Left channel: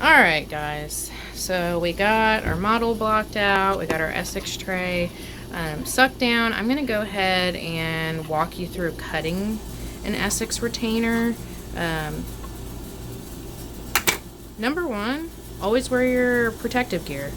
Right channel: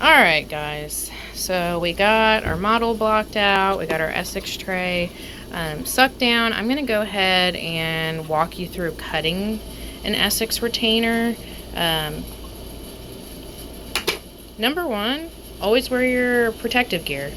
Alright guys, so we got our model blocked out, we got our essix tray sucked down. I'm going to go ahead and walk you through cutting an essix retainer. Number one, always wear your protective gear.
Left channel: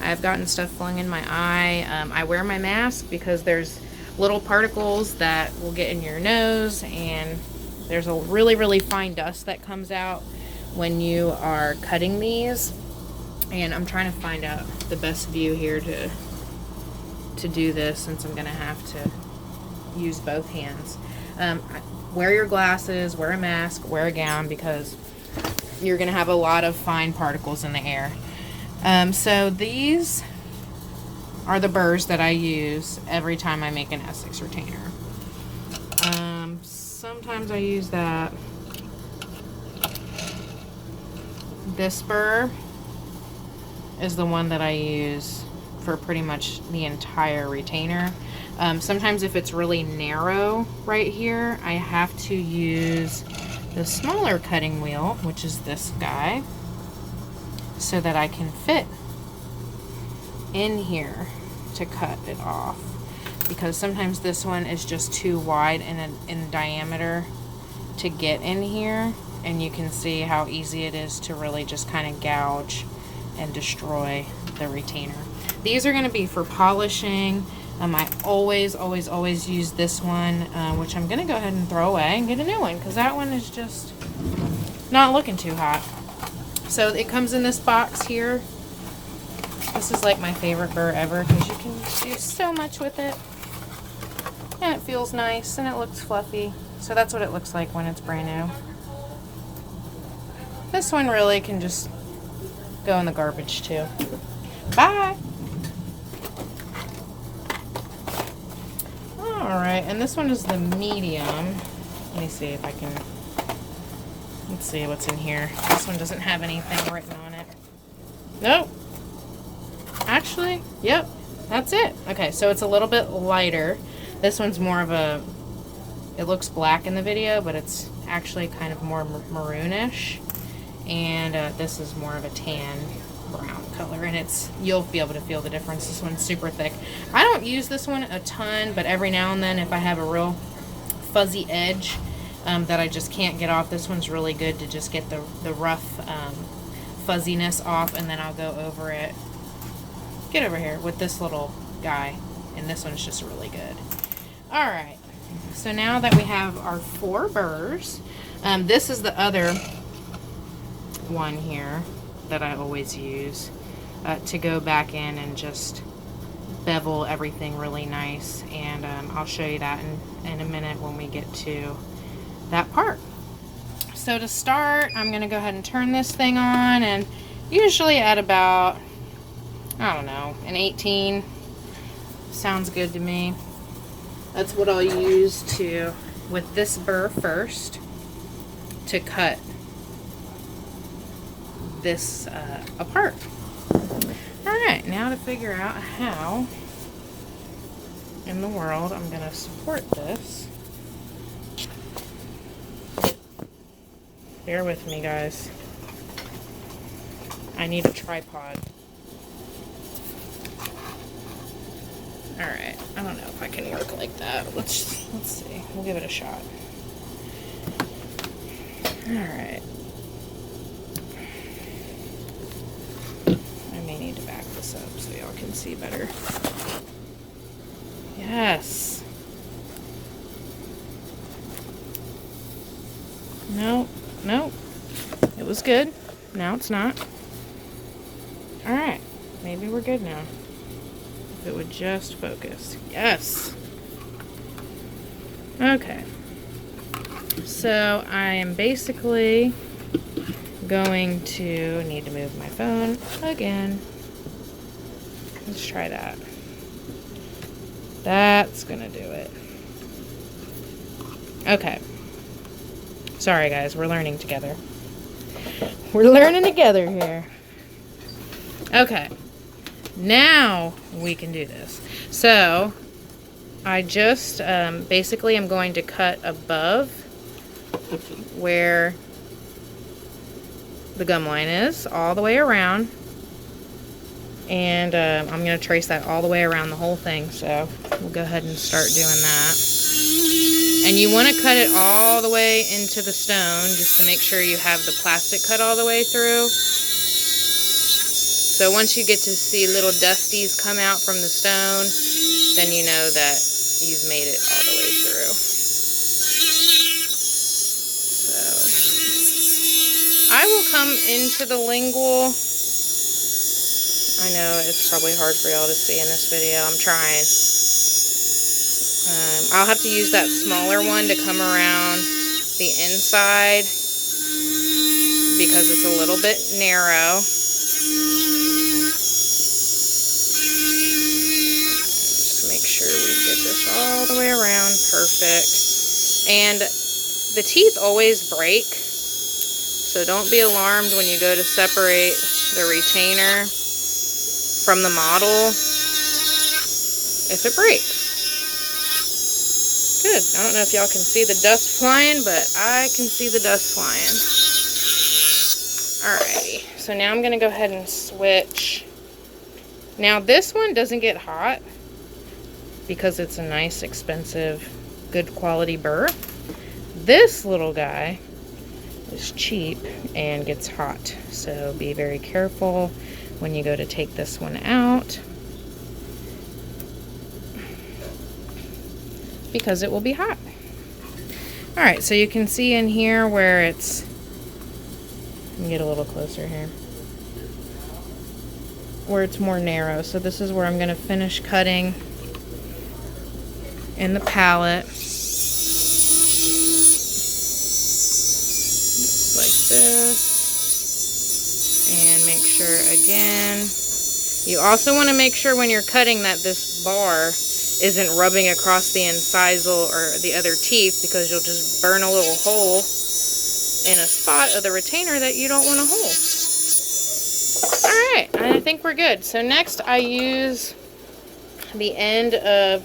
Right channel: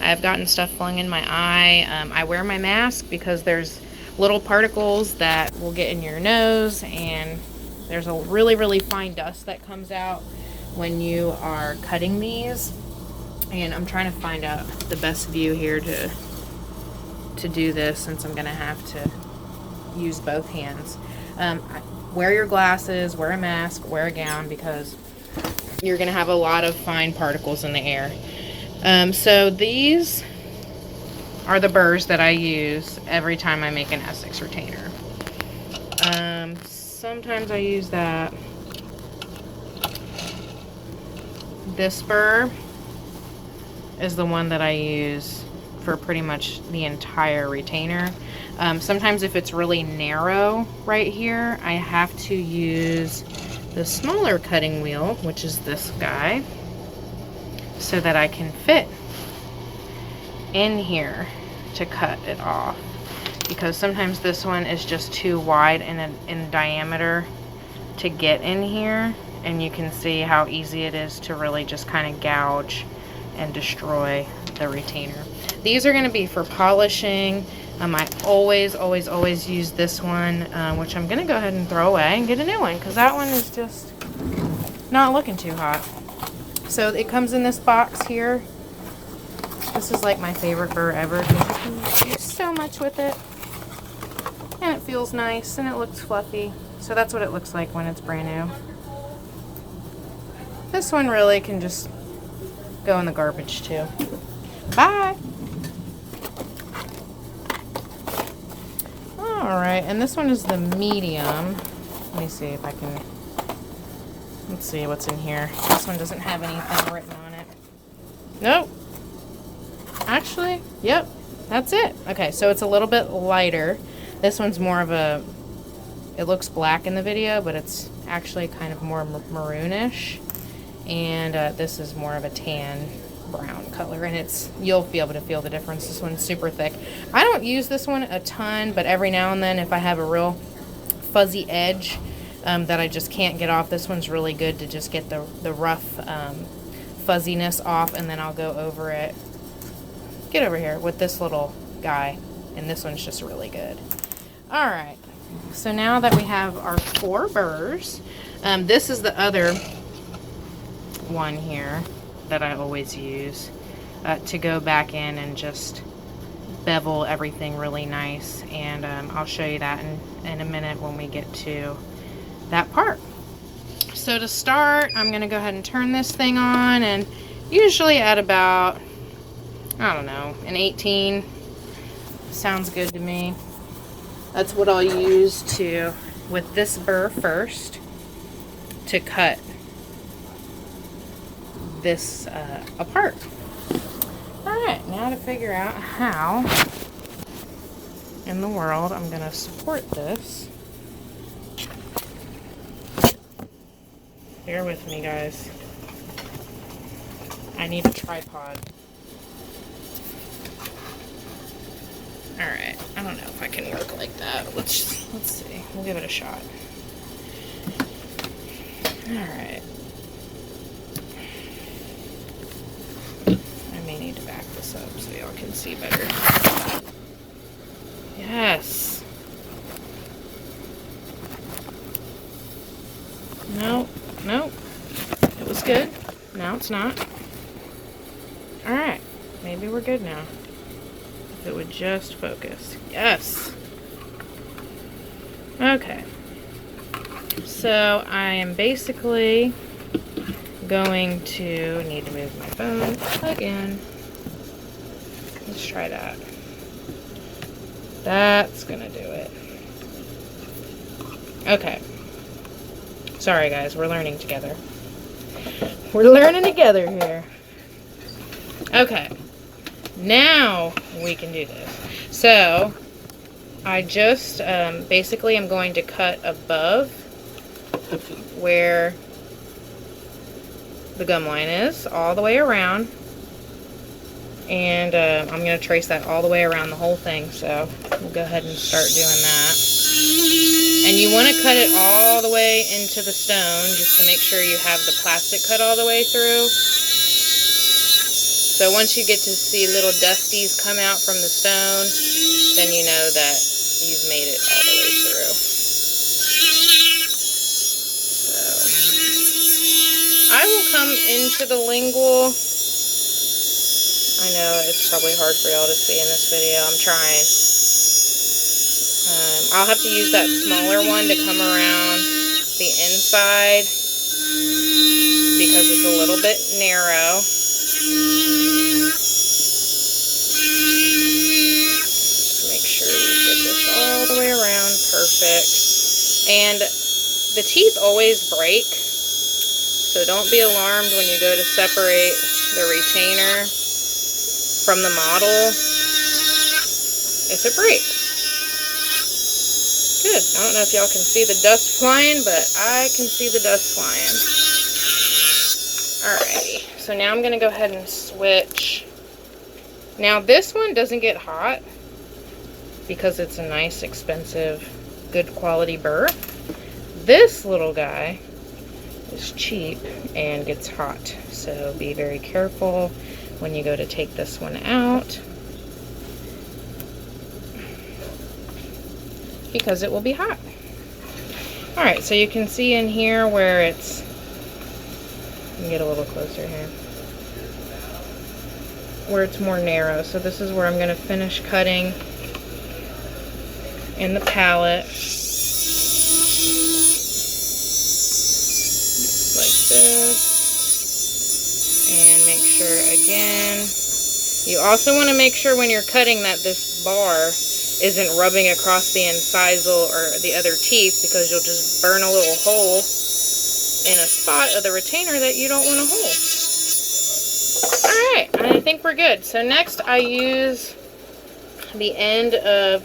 I've gotten stuff flung in my eye. I wear my mask because there's little particles that will get in your nose, and there's a really fine dust that comes out when you are cutting these. And I'm trying to find out the best view here to do this, since I'm gonna have to use both hands. Wear your glasses, wear a mask, wear a gown, because you're gonna have a lot of fine particles in the air. So these are the burrs that I use every time I make an essix retainer. Sometimes I use that. This burr is the one that I use for pretty much the entire retainer. Sometimes if it's really narrow right here, I have to use the smaller cutting wheel, which is this guy, so that I can fit in here to cut it off, because sometimes this one is just too wide in diameter to get in here, and you can see how easy it is to really just kind of gouge and destroy the retainer. These are going to be for polishing. I always use this one, which I'm going to go ahead and throw away and get a new one, because that one is just not looking too hot. So it comes in this box here. This is like my favorite burr ever, because you can do so much with it, and it feels nice and it looks fluffy. So that's what it looks like when it's brand new. This one really can just go in the garbage too. Bye. Alright, and this one is the medium. Let me see if I can, let's see what's in here. This one doesn't have anything written on it. Nope. Actually, yep, that's it. Okay, so it's a little bit lighter. This one's more of a, it looks black in the video, but it's actually kind of more maroonish. And this is more of a tan brown color, and it's, you'll be able to feel the difference. This one's super thick. I don't use this one a ton, but every now and then if I have a real fuzzy edge that I just can't get off, this one's really good to just get the rough fuzziness off, and then I'll go over it, get over here, with this little guy, and this one's just really good. Alright, so now that we have our 4 burrs, this is the other one here that I always use to go back in and just bevel everything really nice, and I'll show you that in a minute when we get to that part. So to start, I'm going to go ahead and turn this thing on, and usually at about, I don't know, an 18 sounds good to me. That's what I'll use to, with this burr first, to cut this apart. Alright, now to figure out how in the world I'm going to support this. Bear with me, guys. I need a tripod. Alright, I don't know if I can work like that. Let's see. We'll give it a shot. Alright. I may need to back this up so y'all can see better. Yes. Nope. Nope. It was good. No, it's not. Alright. Maybe we're good now. If it would just focus. Yes. Okay. So I am basically going to need to move my phone again. Let's try that. That's gonna do it. Okay. Sorry guys, we're learning together. We're learning together here. Okay. Now we can do this. So I just basically am going to cut above where the gum line is, all the way around. And I'm going to trace that all the way around the whole thing. So we'll go ahead and start doing that. And you want to cut it all the way into the stone just to make sure you have the plastic cut all the way through. So once you get to see little dusties come out from the stone, then you know that you've made it all the way through. So I will come into the lingual. I know it's probably hard for y'all to see in this video. I'm trying. I'll have to use that smaller one to come around the inside because it's a little bit narrow. Make sure we get this all the way around. Perfect. And the teeth always break, so don't be alarmed when you go to separate the retainer from the model if it breaks. Good. I don't know if y'all can see the dust flying, but I can see the dust flying. Alrighty. So now I'm going to go ahead and switch. Now this one doesn't get hot because it's a nice, expensive, good quality burr. This little guy is cheap and gets hot. So be very careful when you go to take this one out, because it will be hot. Alright, so you can see in here where it's, let me get a little closer here, where it's more narrow. So this is where I'm going to finish cutting in the palette. Like this. And make sure again, you also want to make sure when you're cutting that this bar isn't rubbing across the incisal or the other teeth, because you'll just burn a little hole in a spot of the retainer that you don't want to hold. Alright, I think we're good. So next I use the end of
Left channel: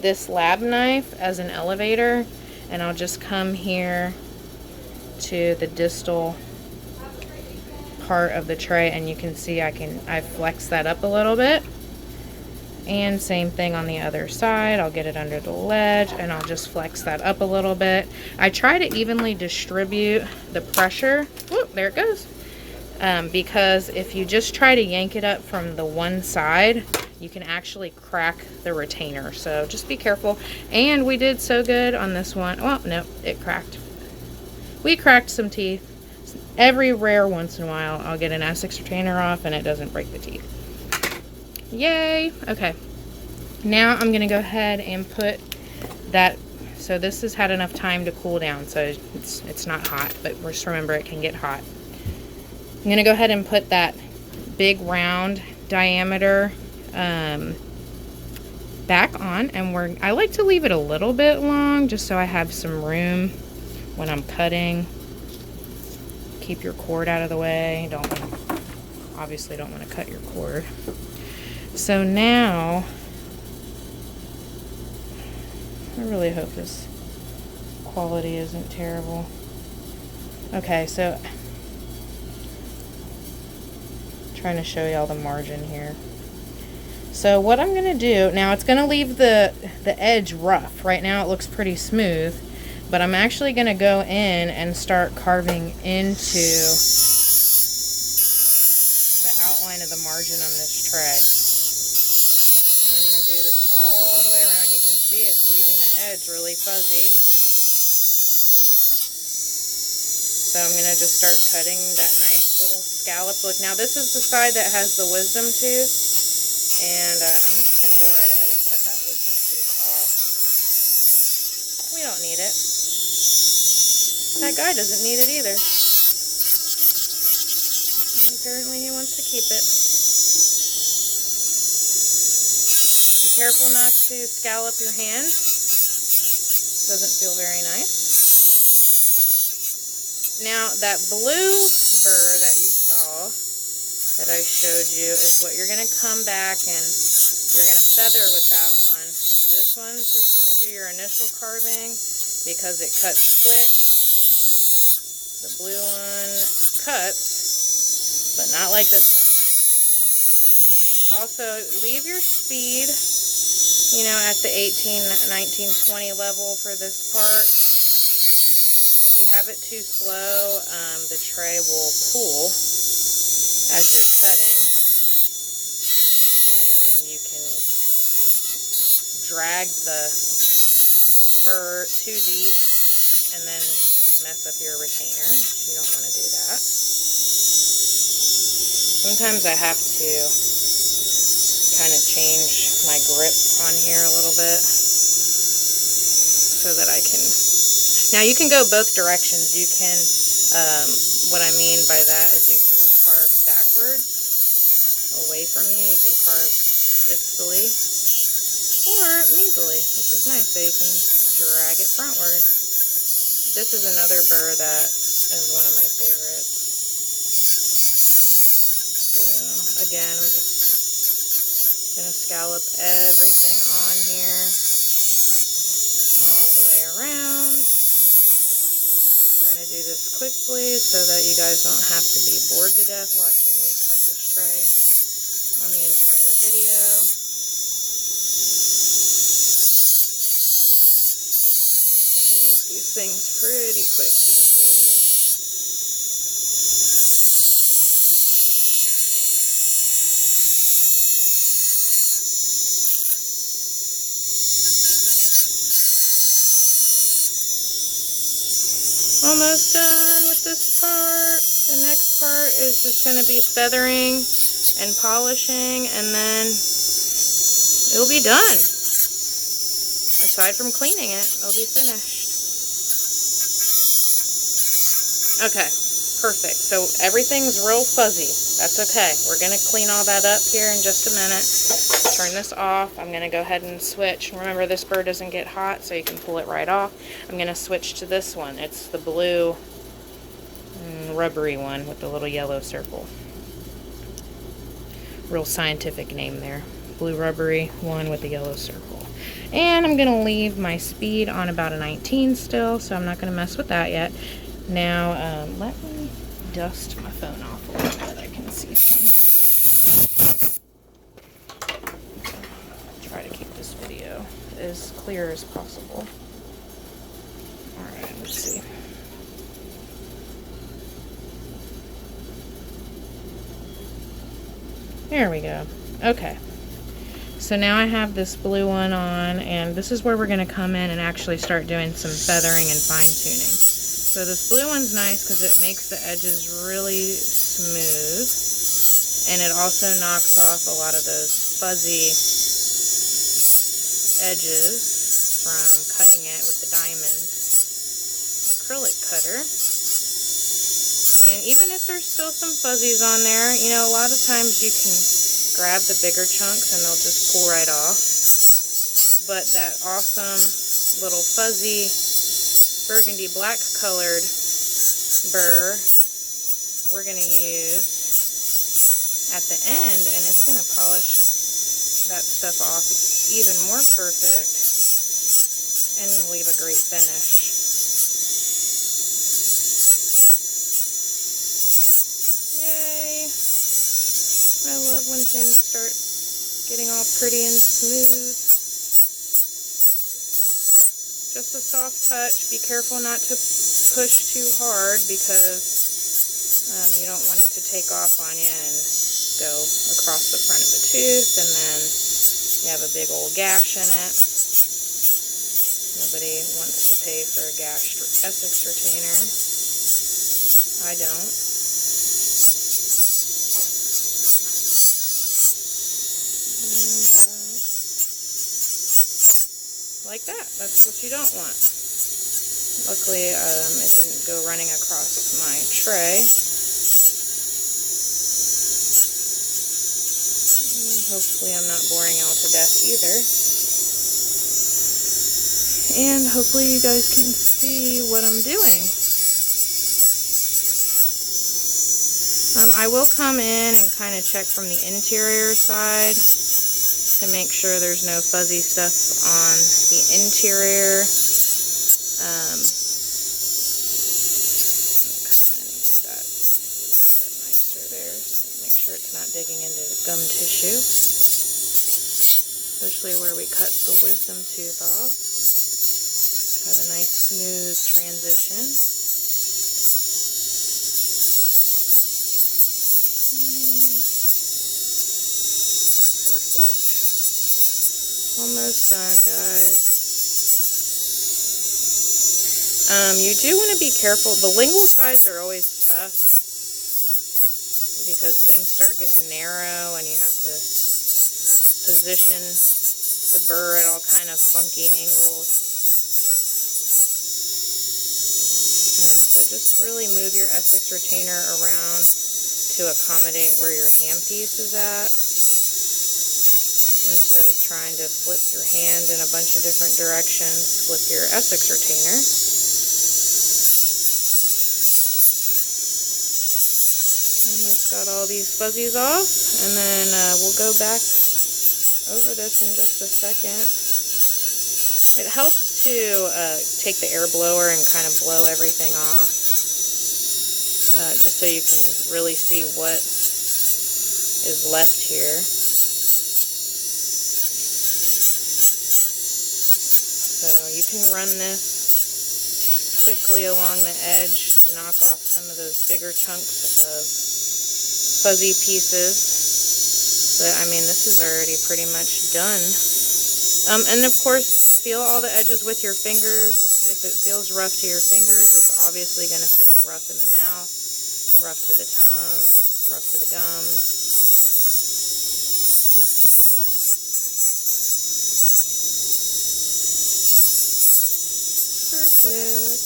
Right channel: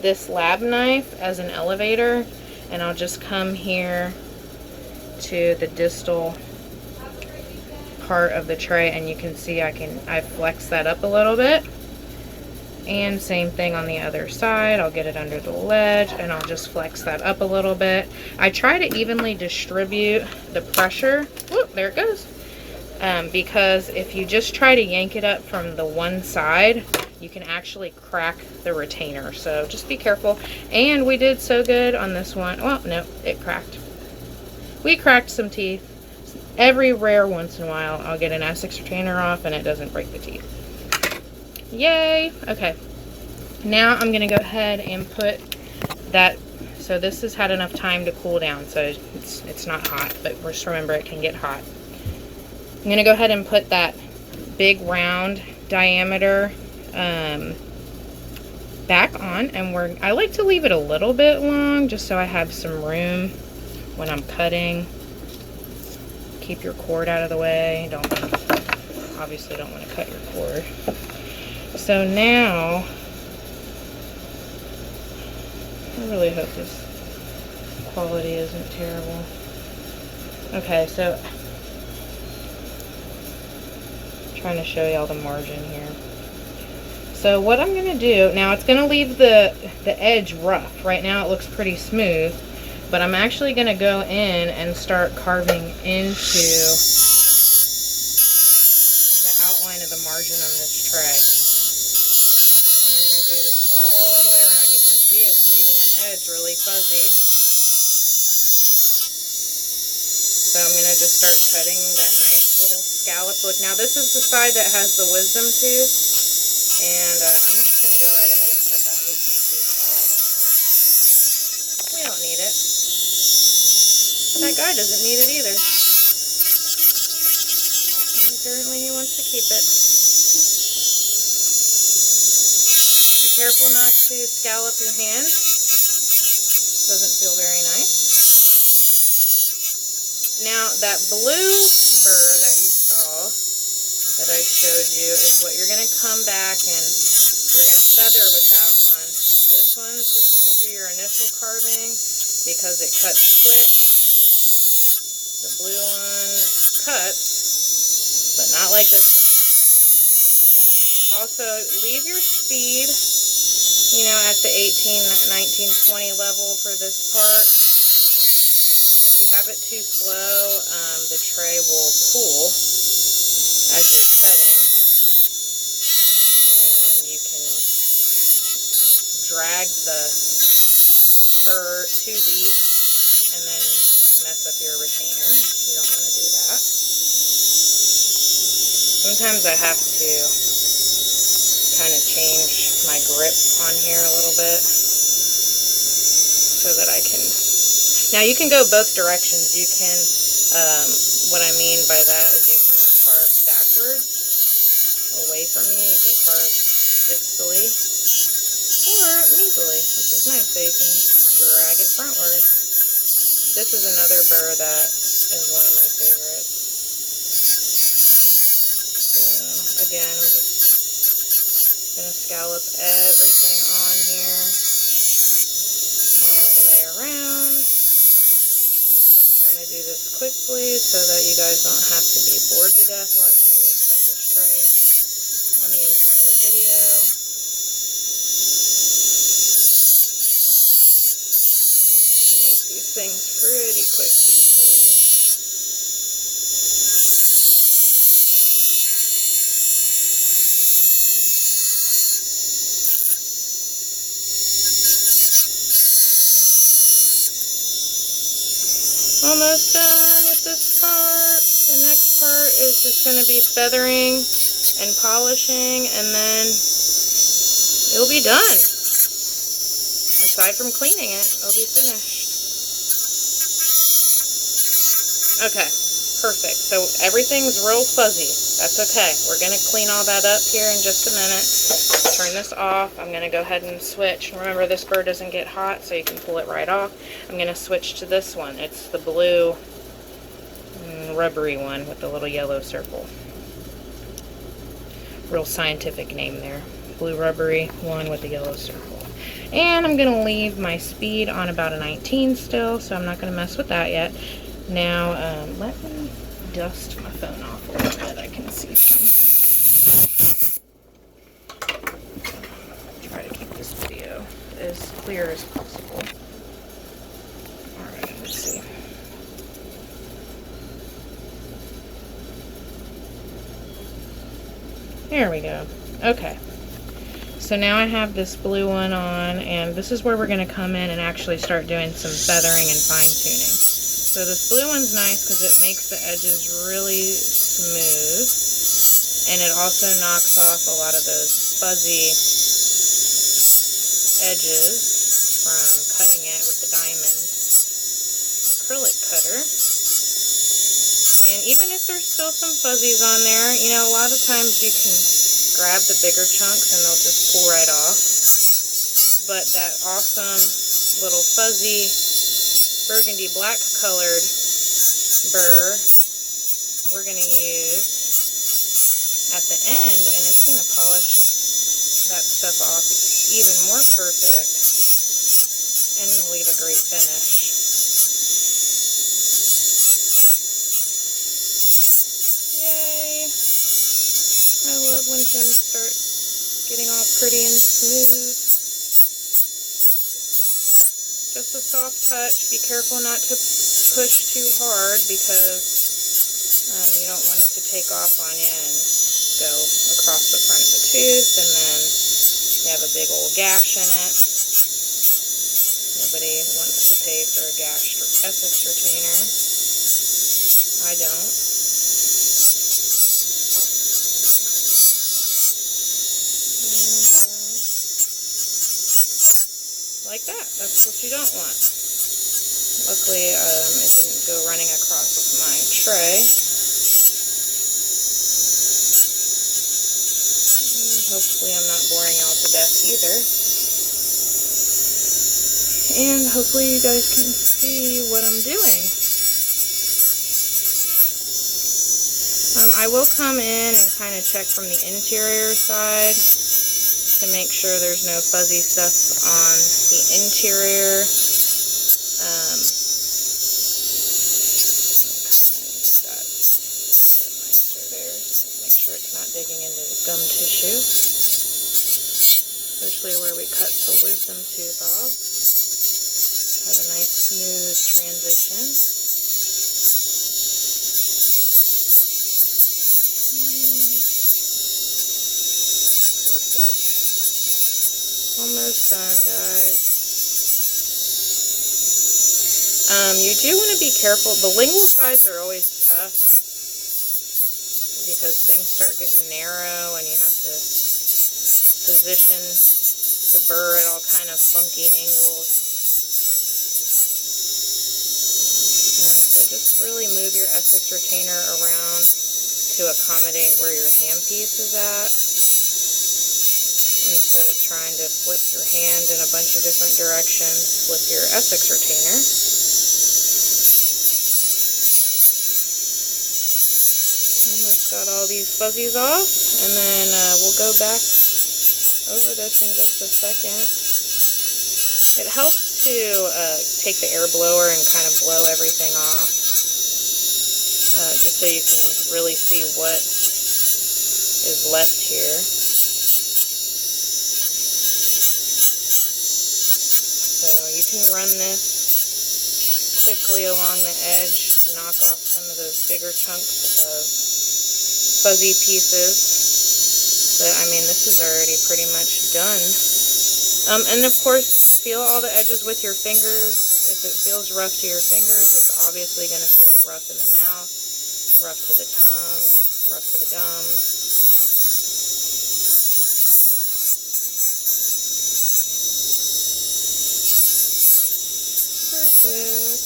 this lab knife as an elevator, and I'll just come here to the distal part of the tray, and you can see I flex that up a little bit. And same thing on the other side. I'll get it under the ledge and I'll just flex that up a little bit. I try to evenly distribute the pressure. Whoop, there it goes. Because if you just try to yank it up from the one side, you can actually crack the retainer. So just be careful. And we did so good on this one. Well, no, it cracked. We cracked some teeth. Every rare once in a while, I'll get an essix retainer off and it doesn't break the teeth. Yay! Okay. Now I'm going to go ahead and put that. So this has had enough time to cool down, so it's not hot, but just remember it can get hot. I'm going to go ahead and put that big round diameter back on, and I like to leave it a little bit long just so I have some room when I'm cutting. Keep your cord out of the way. Obviously don't want to cut your cord. So now, I really hope this quality isn't terrible. Okay, so trying to show y'all the margin here. So what I'm gonna do now, it's gonna leave the edge rough. Right now it looks pretty smooth, but I'm actually gonna go in and start carving into the outline of the margin on this tray. And I'm gonna do this all the way around. You can see it's leaving the edge really fuzzy. So I'm gonna just start cutting that nice little scallop look. Now this is the side that has the wisdom tooth, and I'm just gonna go right ahead and cut that wisdom tooth off. We don't need it. That guy doesn't need it either. And apparently he wants to keep it. Be careful not to scallop your hand. Doesn't feel very nice. Now that blue burr that you saw, that I showed you, is what you're going to come back and you're going to feather with that one. This one's just going to do your initial carving because it cuts quick. The blue one cuts but not like this one. Also, leave your speed, you know, at the 18, 19, 20 level for this part. If you have it too slow, the tray will pull as you're cutting, and you can drag the burr too deep and then mess up your retainer. You don't want to do that. Sometimes I have to kind of change my grip on here a little bit so that I can... Now you can go both directions. You can, what I mean by that is you can carve backwards away from you. You can carve distally or medially, which is nice. So you can drag it frontward. This is another burr that is one of my favorites. So again, I'm just gonna scallop everything on here all the way around. Trying to do this quickly so that you guys don't have to be bored to death watching me cut this tray on the entire video. You make these things pretty quick these days. Almost done with this part. The next part is just going to be feathering and polishing, and then it'll be done. Aside from cleaning it, it'll be finished. Okay, perfect. So everything's real fuzzy. That's okay. We're going to clean all that up here in just a minute. Turn this off. I'm going to go ahead and switch. Remember, this burr doesn't get hot, so you can pull it right off. I'm going to switch to this one. It's the blue rubbery one with the little yellow circle. Real scientific name there. Blue rubbery one with the yellow circle. And I'm going to leave my speed on about a 19 still, so I'm not going to mess with that yet. Now, let me dust my phone off a little bit. I can see some. Try to keep this video as clear as possible. Alright, let's see. There we go. Okay. So now I have this blue one on, and this is where we're going to come in and actually start doing some feathering and fine-tuning. So this blue one's nice because it makes the edges really smooth, and it also knocks off a lot of those fuzzy edges from cutting it with the diamond acrylic cutter. And even if there's still some fuzzies on there, you know, a lot of times you can grab the bigger chunks and they'll just pull right off. But that awesome little fuzzy burgundy black colored burr we're going to use at the end, and it's going to polish that stuff off even more perfect and leave a great finish. Yay! I love when things start getting all pretty and smooth. Just a soft touch. Be careful not to push too hard because you don't want it to take off on you and go across the front of the tooth, and then you have a big old gash in it. Nobody wants to pay for a gashed essix retainer. I don't. Like that. That's what you don't want. Luckily, it didn't go running across my tray. Hopefully I'm not boring y'all to death either. And hopefully you guys can see what I'm doing. I will come in and kind of check from the interior side to make sure there's no fuzzy stuff on the interior. Come in and get that a little bit nicer there. it's not digging into the gum tissue, especially where we cut the wisdom tooth off. Have a nice smooth transition. Perfect. Almost done, guys. You do want to be careful. The lingual sides are always tough because things start getting narrow and you have to position the burr at all kind of funky angles. So just really move your essix retainer around to accommodate where your handpiece is at, instead of trying to flip your hand in a bunch of different directions. Flip your essix retainer. Almost got all these fuzzies off, and then we'll go back over this in just a second. It helps to take the air blower and kind of blow everything off, just so you can really see what is left here. So you can run this quickly along the edge, knock off some of those bigger chunks of fuzzy pieces, but I mean, this is already pretty much done. And of course, feel all the edges with your fingers. If it feels rough to your fingers, it's obviously going to feel rough in the mouth, rough to the tongue, rough to the gums. Perfect.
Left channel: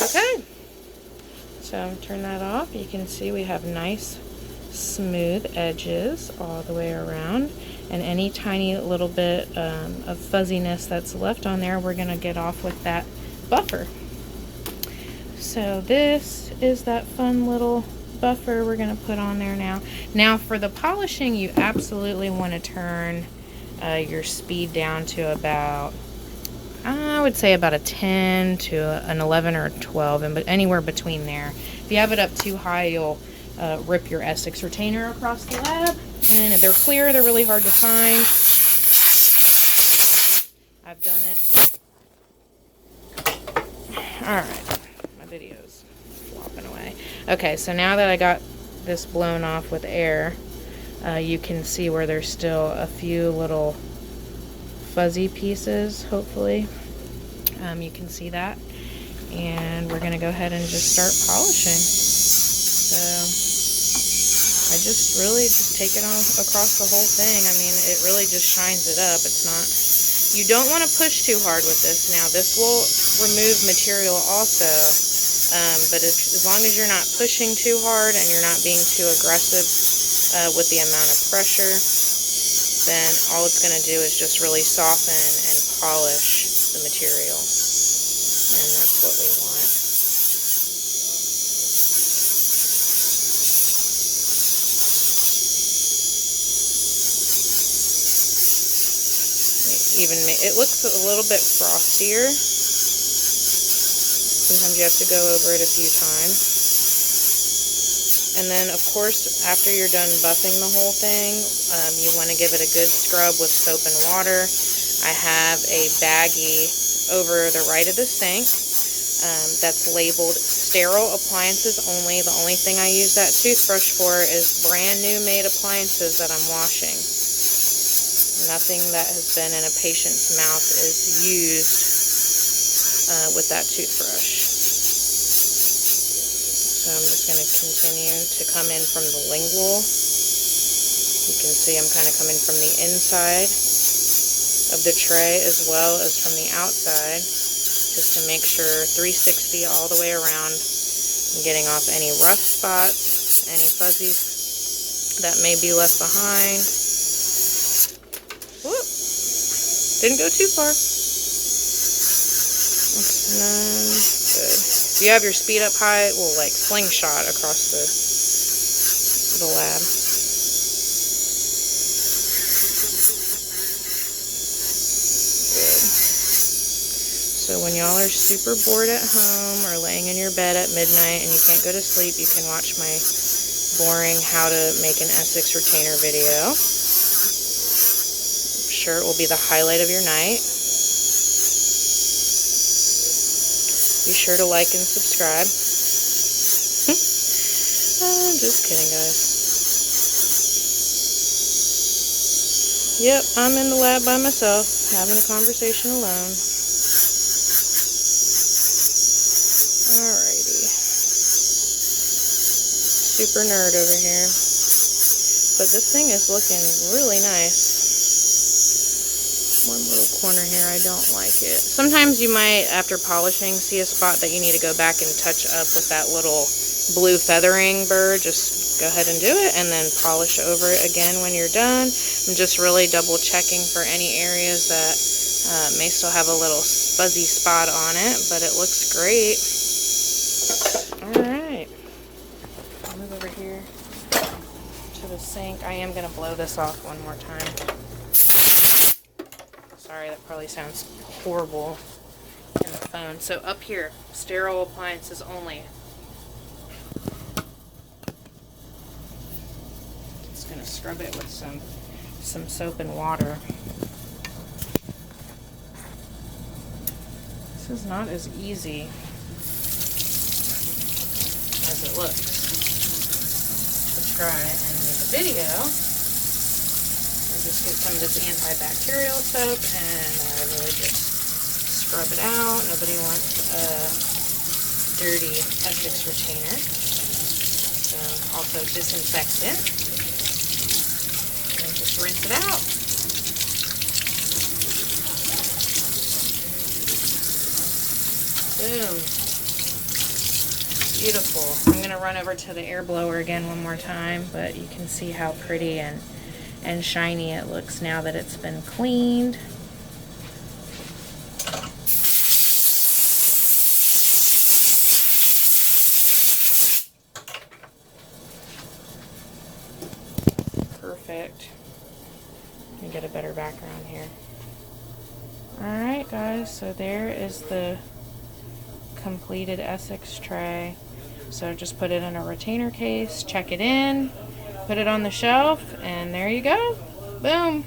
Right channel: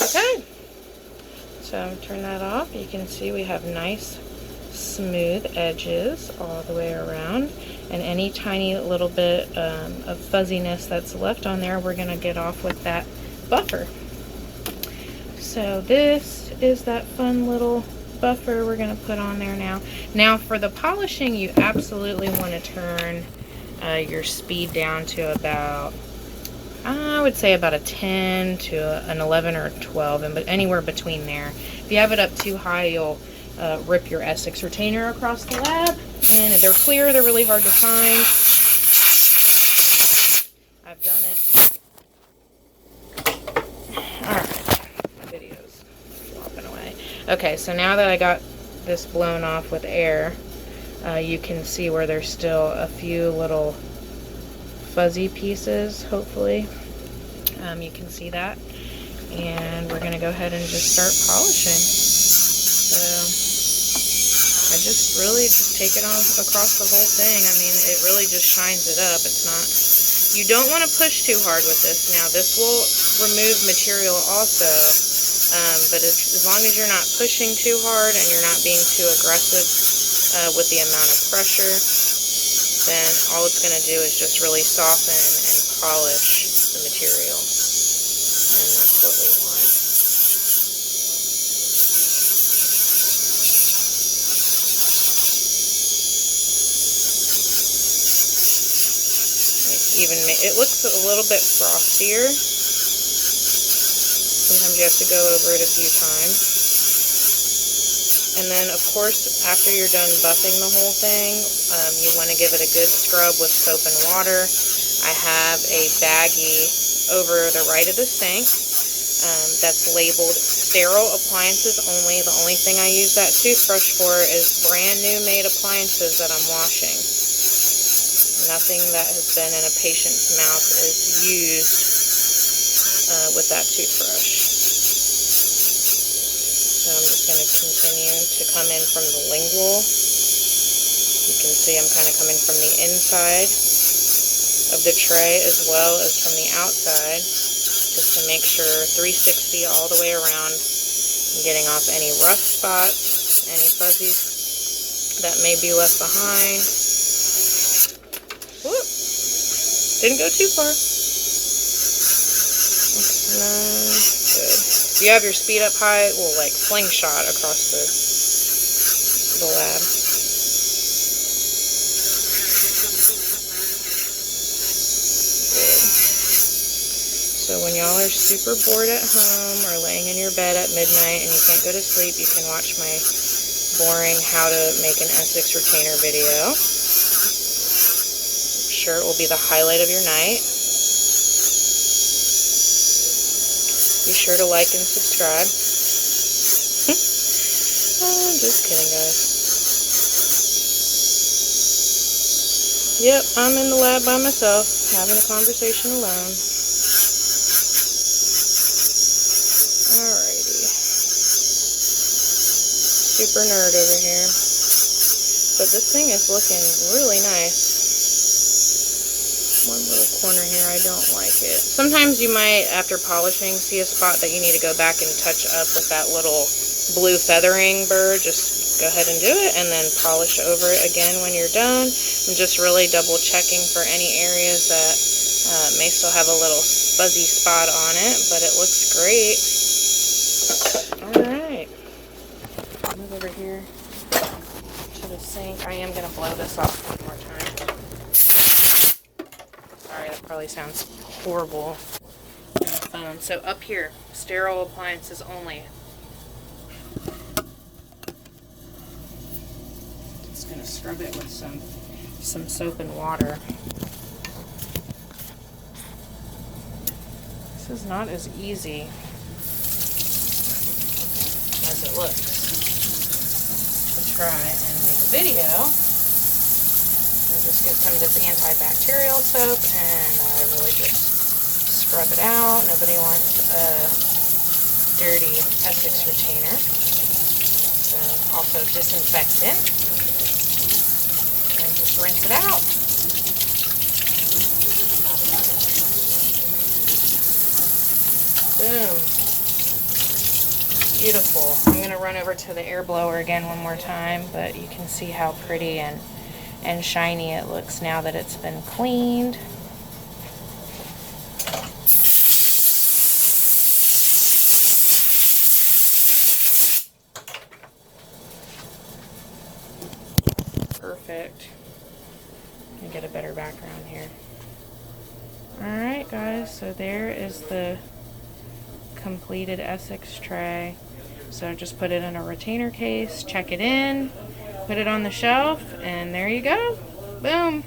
Okay. So turn that off. You can see we have nice smooth edges all the way around, and any tiny little bit of fuzziness that's left on there, we're going to get off with that buffer. So this is that fun little buffer we're going to put on there now. Now for the polishing, you absolutely want to turn your speed down to about, I would say about a 10 to an 11 or 12, and anywhere between there. If you have it up too high, you'll rip your essix retainer across the lab, and they're clear, they're really hard to find. I've done it. Alright, my video's flopping away. Okay, so now that I got this blown off with air, you can see where there's still a few little fuzzy pieces, hopefully. You can see that. And we're going to go ahead and just start polishing. So I just really take it on across the whole thing. I mean, it really just shines it up. It's not, you don't want to push too hard with this. Now, this will remove material also, but as long as you're not pushing too hard and you're not being too aggressive with the amount of pressure, then all it's going to do is just really soften and polish the material. And that's what we want. It looks a little bit frostier. Sometimes you have to go over it a few times. And then, of course, after you're done buffing the whole thing, you want to give it a good scrub with soap and water. I have a baggie over the right of the sink that's labeled sterile appliances only. The only thing I use that toothbrush for is brand new made appliances that I'm washing. Nothing that has been in a patient's mouth is used with that toothbrush. So I'm just going to continue to come in from the lingual. You can see I'm kind of coming from the inside of the tray as well as from the outside, just to make sure 360 all the way around. I'm getting off any rough spots, any fuzzies that may be left behind. Whoop. Didn't go too far. Good. If you have your speed up high, it will like slingshot across the lab. Good. So when y'all are super bored at home or laying in your bed at midnight and you can't go to sleep, you can watch my boring how to make an essix retainer video. I'm sure it will be the highlight of your night. Be sure to like and subscribe. I'm just kidding, guys. Yep, I'm in the lab by myself, having a conversation alone. Alrighty. Super nerd over here. But this thing is looking really nice. One little corner here, I don't like it. Sometimes you might, after polishing, see a spot that you need to go back and touch up with that little blue feathering burr. Just go ahead and do it and then polish over it again when you're done. I'm just really double checking for any areas that may still have a little fuzzy spot on it, but it looks great. Alright, move over here to the sink. I am going to blow this off one more time. Sorry, that probably sounds horrible on the phone. So up here, sterile appliances only. Just going to scrub it with some soap and water. This is not as easy as it looks to try and make a video. I just get some of this antibacterial soap and I really just scrub it out. Nobody wants a dirty essix retainer. So also disinfectant. And just rinse it out. Boom. Beautiful. I'm going to run over to the air blower again one more time, but you can see how pretty and shiny it looks now that it's been cleaned. Perfect. Let me get a better background here. Alright guys, so there is the completed essix tray. So just put it in a retainer case, check it in, put it on the shelf, and there you go. Boom.